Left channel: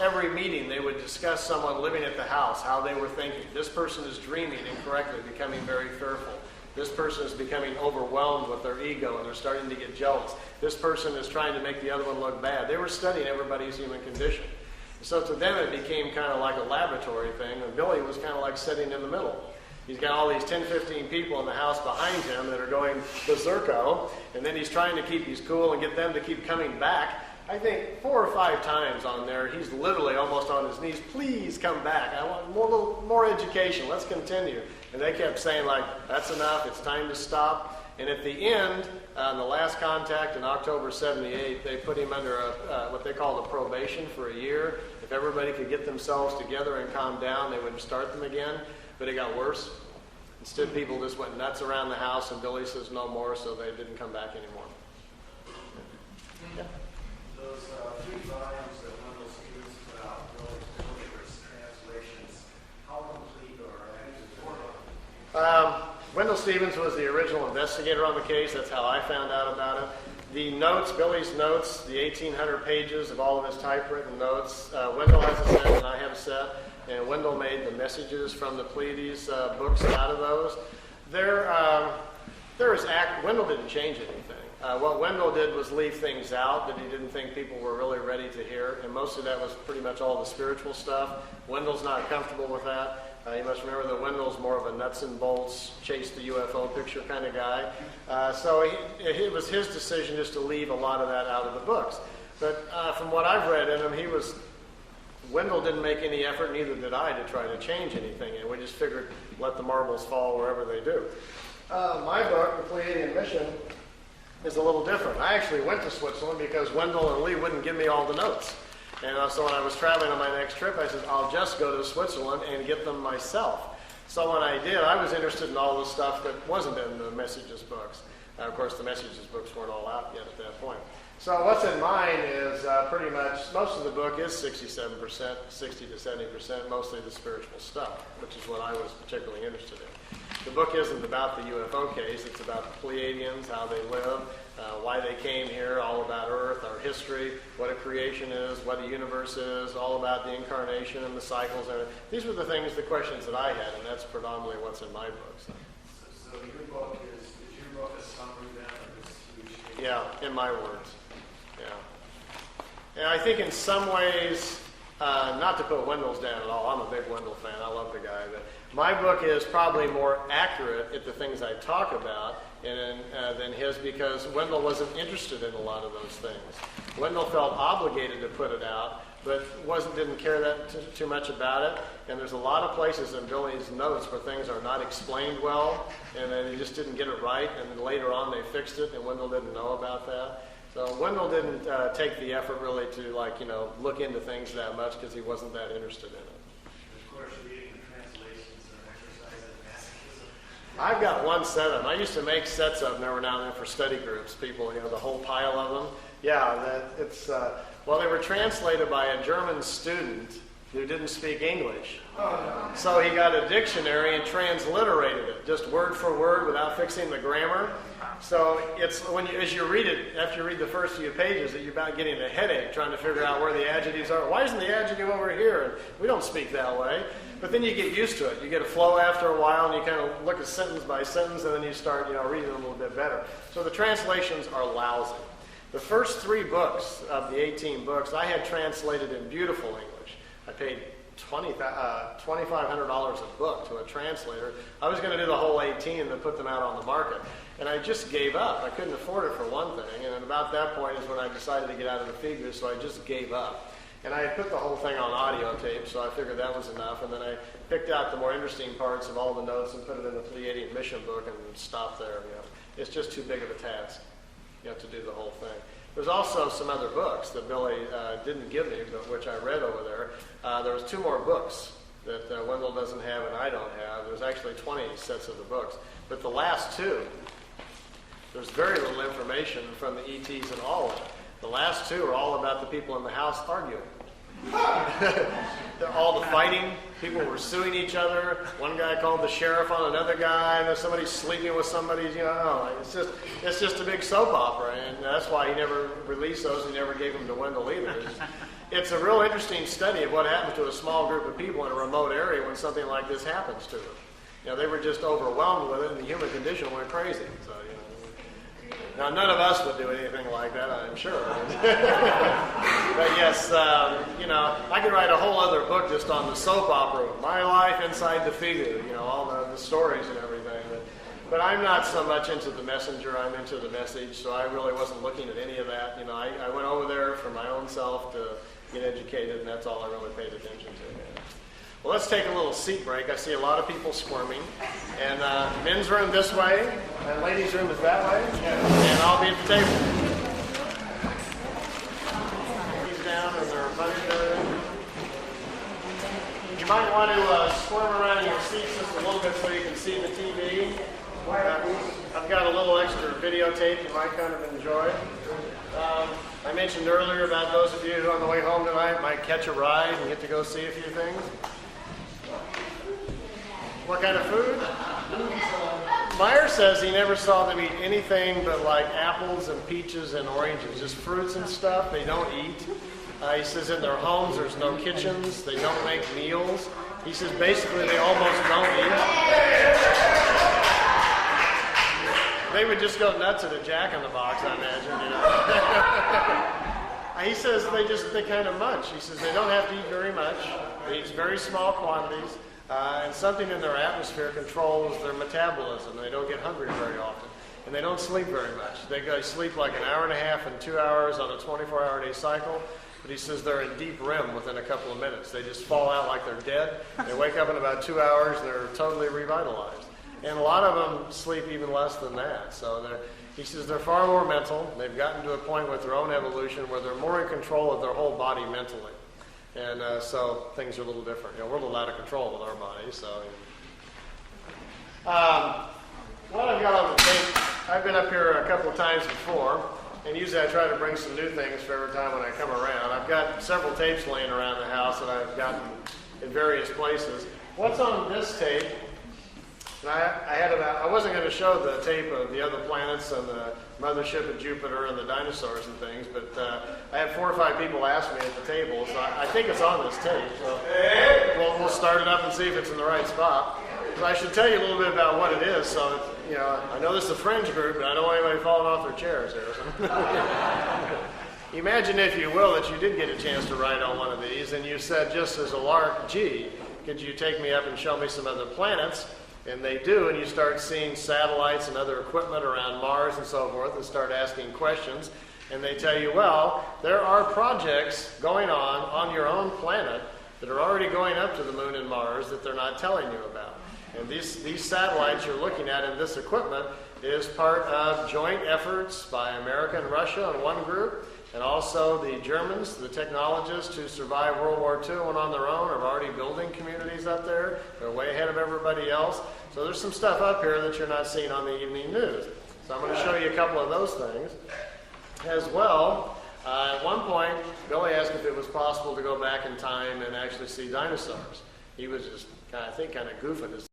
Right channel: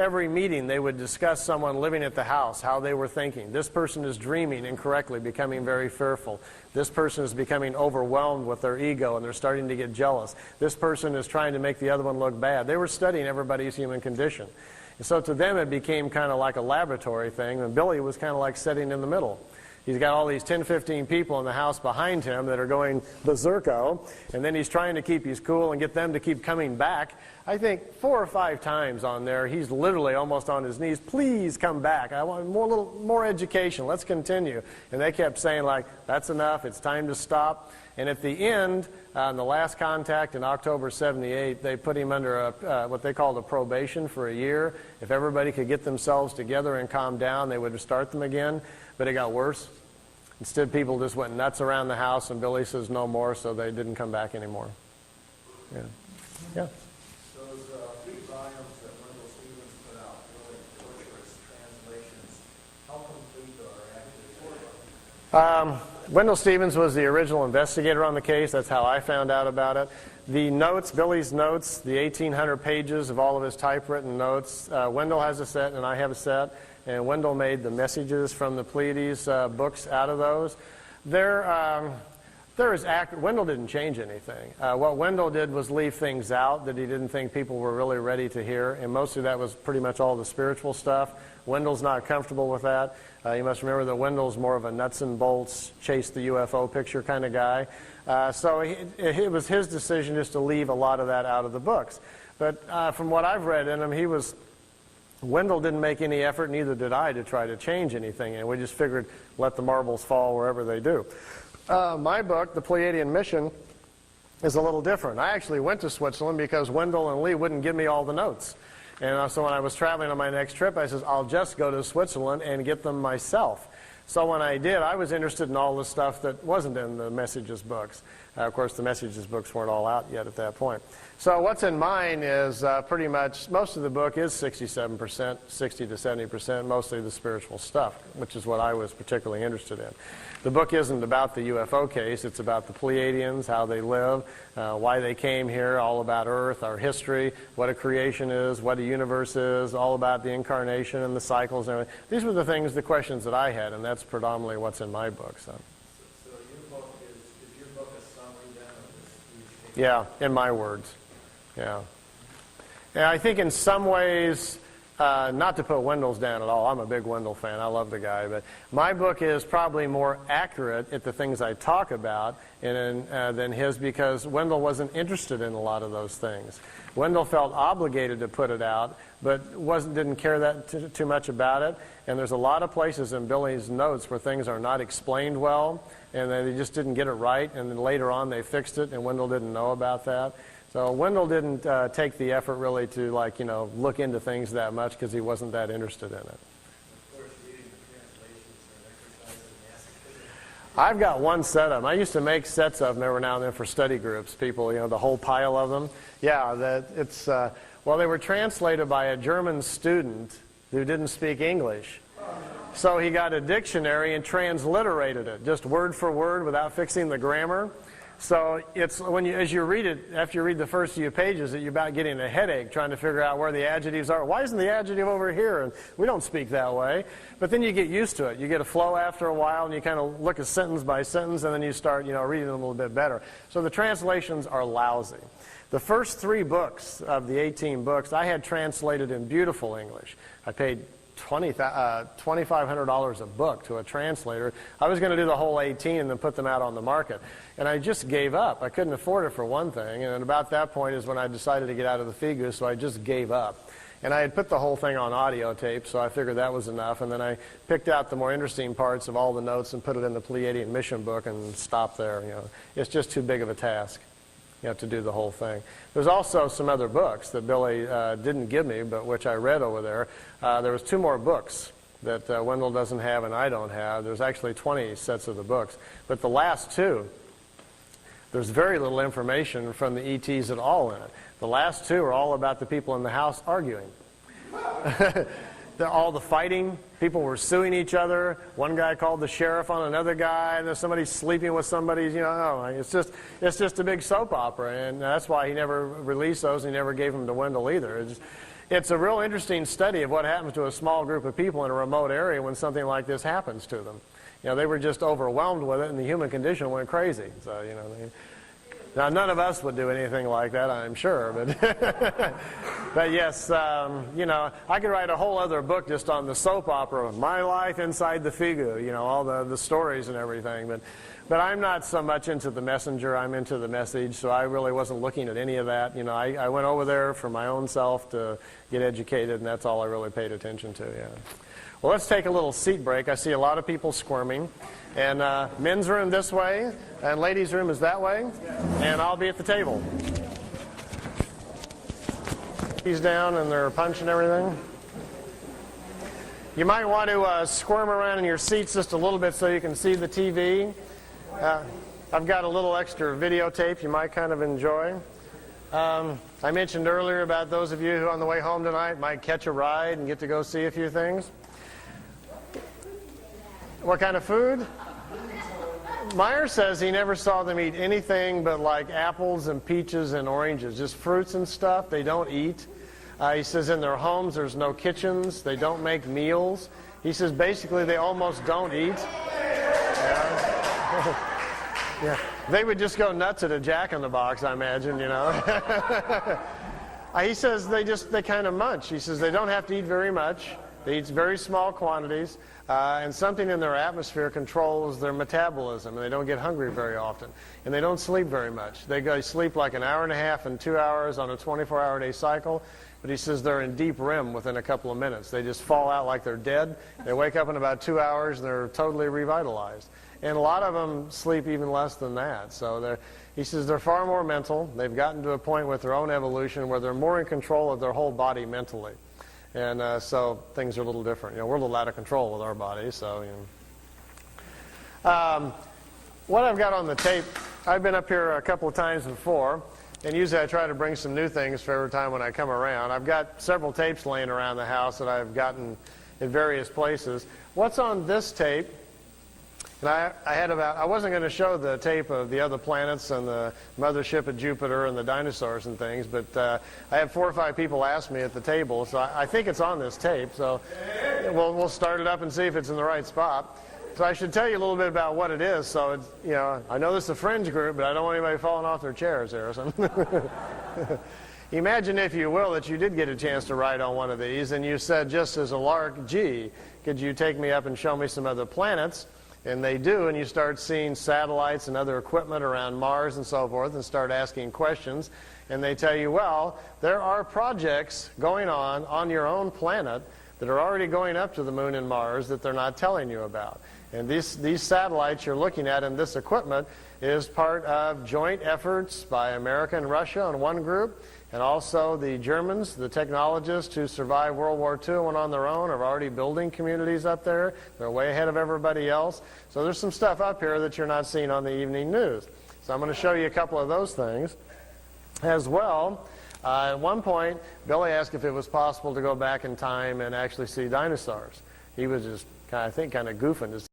Every meeting they would discuss someone living at the house, how they were thinking. This person is dreaming incorrectly, becoming very fearful. This person is becoming overwhelmed with their ego and they're starting to get jealous. This person is trying to make the other one look bad. They were studying everybody's human condition. And so to them it became kind of like a laboratory thing, and Billy was kind of like sitting in the middle. He's got all these 10, 15 people in the house behind him that are going berserko, and then he's trying to keep his cool and get them to keep coming back. I think 4 or 5 times on there, he's literally almost on his knees, please come back. I want more education. Let's continue. And they kept saying, like, that's enough. It's time to stop. And at the end, the last contact in October 78, they put him under what they called a probation for a year. If everybody could get themselves together and calm down, they would start them again. But it got worse. Instead, people just went nuts around the house, and Billy says no more, so they didn't come back anymore. Yeah. Yeah. Wendell Stevens was the original investigator on the case. That's how I found out about it. The notes, Billy's notes, the 1,800 pages of all of his typewritten notes, Wendell has a set and I have a set, and Wendell made the messages from the Pleiades books out of those. Wendell didn't change anything. What Wendell did was leave things out that he didn't think people were really ready to hear, and mostly that was pretty much all the spiritual stuff. Wendell's not comfortable with that. You must remember that Wendell's more of a nuts and bolts, chase the UFO picture kind of guy. So it was his decision just to leave a lot of that out of the books. But from what I've read in him, Wendell didn't make any effort, neither did I, to try to change anything. And we just figured, let the marbles fall wherever they do. My book, The Pleiadian Mission, is a little different. I actually went to Switzerland because Wendell and Lee wouldn't give me all the notes. And so when I was traveling on my next trip, I said, I'll just go to Switzerland and get them myself. So when I did, I was interested in all the stuff that wasn't in the Messages books. Of course, the Messages books weren't all out yet at that point. So what's in mine is pretty much, most of the book is 67%, 60 to 70%, mostly the spiritual stuff, which is what I was particularly interested in. The book isn't about the UFO case. It's about the Pleiadians, how they live, why they came here, all about Earth, our history, what a creation is, what a universe is, all about the incarnation and the cycles. And these were the things, the questions that I had, and that's predominantly what's in my book. So your book is your book a summary then of this? Yeah, in my words. Yeah. And I think in some ways, not to put Wendell's down at all. I'm a big Wendell fan. I love the guy. But my book is probably more accurate at the things I talk about than his, because Wendell wasn't interested in a lot of those things. Wendell felt obligated to put it out, but didn't care that too much about it. And there's a lot of places in Billy's notes where things are not explained well, and they just didn't get it right. And then later on they fixed it, and Wendell didn't know about that. So Wendell didn't take the effort really to look into things that much because he wasn't that interested in it. Of course, reading the translations are an exercise in masochism. I've got one set of them. I used to make sets of them every now and then for study groups. People, the whole pile of them. Yeah, well, they were translated by a German student who didn't speak English. So he got a dictionary and transliterated it, just word for word without fixing the grammar. So it's as you read it, after you read the first few pages, that you're about getting a headache trying to figure out where the adjectives are. Why isn't the adjective over here? And we don't speak that way. But then you get used to it. You get a flow after a while, and you kind of look at sentence by sentence, and then you start reading them a little bit better. So the translations are lousy. The first 3 books of the 18 books I had translated in beautiful English. I paid $2,500 a book to a translator. I was going to do the whole 18 and then put them out on the market. And I just gave up. I couldn't afford it for one thing. And about that point is when I decided to get out of the figure, so I just gave up. And I had put the whole thing on audio tape, so I figured that was enough. And then I picked out the more interesting parts of all the notes and put it in the Pleiadian Mission book and stopped there. It's just too big of a task. You have to do the whole thing. There's also some other books that Billy didn't give me, but which I read over there. There was 2 more books that Wendell doesn't have and I don't have. There's actually 20 sets of the books. But the last 2, there's very little information from the ETs at all in it. The last 2 are all about the people in the house arguing. All the fighting, people were suing each other. One guy called the sheriff on another guy, and there's somebody sleeping with somebody. It's just a big soap opera, and that's why he never released those. He never gave them to Wendell either. it's a real interesting study of what happens to a small group of people in a remote area when something like this happens to them. You know, they were just overwhelmed with it, and the human condition went crazy. So, you know, now none of us would do anything like that, I'm sure. But yes, you know, I could write a whole other book just on the soap opera of my life inside the figure. You know, all the stories and everything. But I'm not so much into the messenger. I'm into the message. So I really wasn't looking at any of that. You know, I went over there for my own self to get educated, and that's all I really paid attention to. Yeah. Well, let's take a little seat break. I see a lot of people squirming. And men's room this way, and ladies' room is that way. And I'll be at the table. He's down, and they're punching everything. You might want to squirm around in your seats just a little bit so you can see the TV. I've got a little extra videotape you might kind of enjoy. I mentioned earlier about those of you who on the way home tonight might catch a ride and get to go see a few things. What kind of food? Meier says he never saw them eat anything but like apples and peaches and oranges, just fruits and stuff. They don't eat. He says in their homes there's no kitchens. They don't make meals. He says basically they almost don't eat. Yeah. They would just go nuts at a Jack-in-the-Box, I imagine, you know. He says they kind of munch. He says they don't have to eat very much. They eat very small quantities. And something in their atmosphere controls their metabolism. They don't get hungry very often. And they don't sleep very much. They sleep like an hour and a half and 2 hours on a 24-hour-a-day cycle. But he says they're in deep REM within a couple of minutes. They just fall out like they're dead. They wake up in about 2 hours. They're totally revitalized. And a lot of them sleep even less than that. So he says they're far more mental. They've gotten to a point with their own evolution where they're more in control of their whole body mentally. And so things are a little different. You know, we're a little out of control with our bodies. So, you know. What I've got on the tape, I've been up here a couple of times before, and usually I try to bring some new things for every time when I come around. I've got several tapes laying around the house that I've gotten in various places. What's on this tape? And I wasn't going to show the tape of the other planets and the mothership of Jupiter and the dinosaurs and things, but I had 4 or 5 people ask me at the table, so I think it's on this tape. So we'll start it up and see if it's in the right spot. So I should tell you a little bit about what it is. So, you know, I know this is a fringe group, but I don't want anybody falling off their chairs there. So. Imagine, if you will, that you did get a chance to ride on one of these, and you said, just as a lark, gee, could you take me up and show me some other planets? And they do, and you start seeing satellites and other equipment around Mars and so forth, and start asking questions. And they tell you, well, there are projects going on your own planet that are already going up to the moon and Mars that they're not telling you about. And these satellites you're looking at and this equipment is part of joint efforts by America and Russia in one group, and also the Germans, the technologists who survived World War II and on their own are already building communities up there. They're way ahead of everybody else. So there's some stuff up here that you're not seeing on the evening news. So I'm going to show you a couple of those things. As well, at one point, Bill asked if it was possible to go back in time and actually see dinosaurs. He was just, I think, kind of goofing.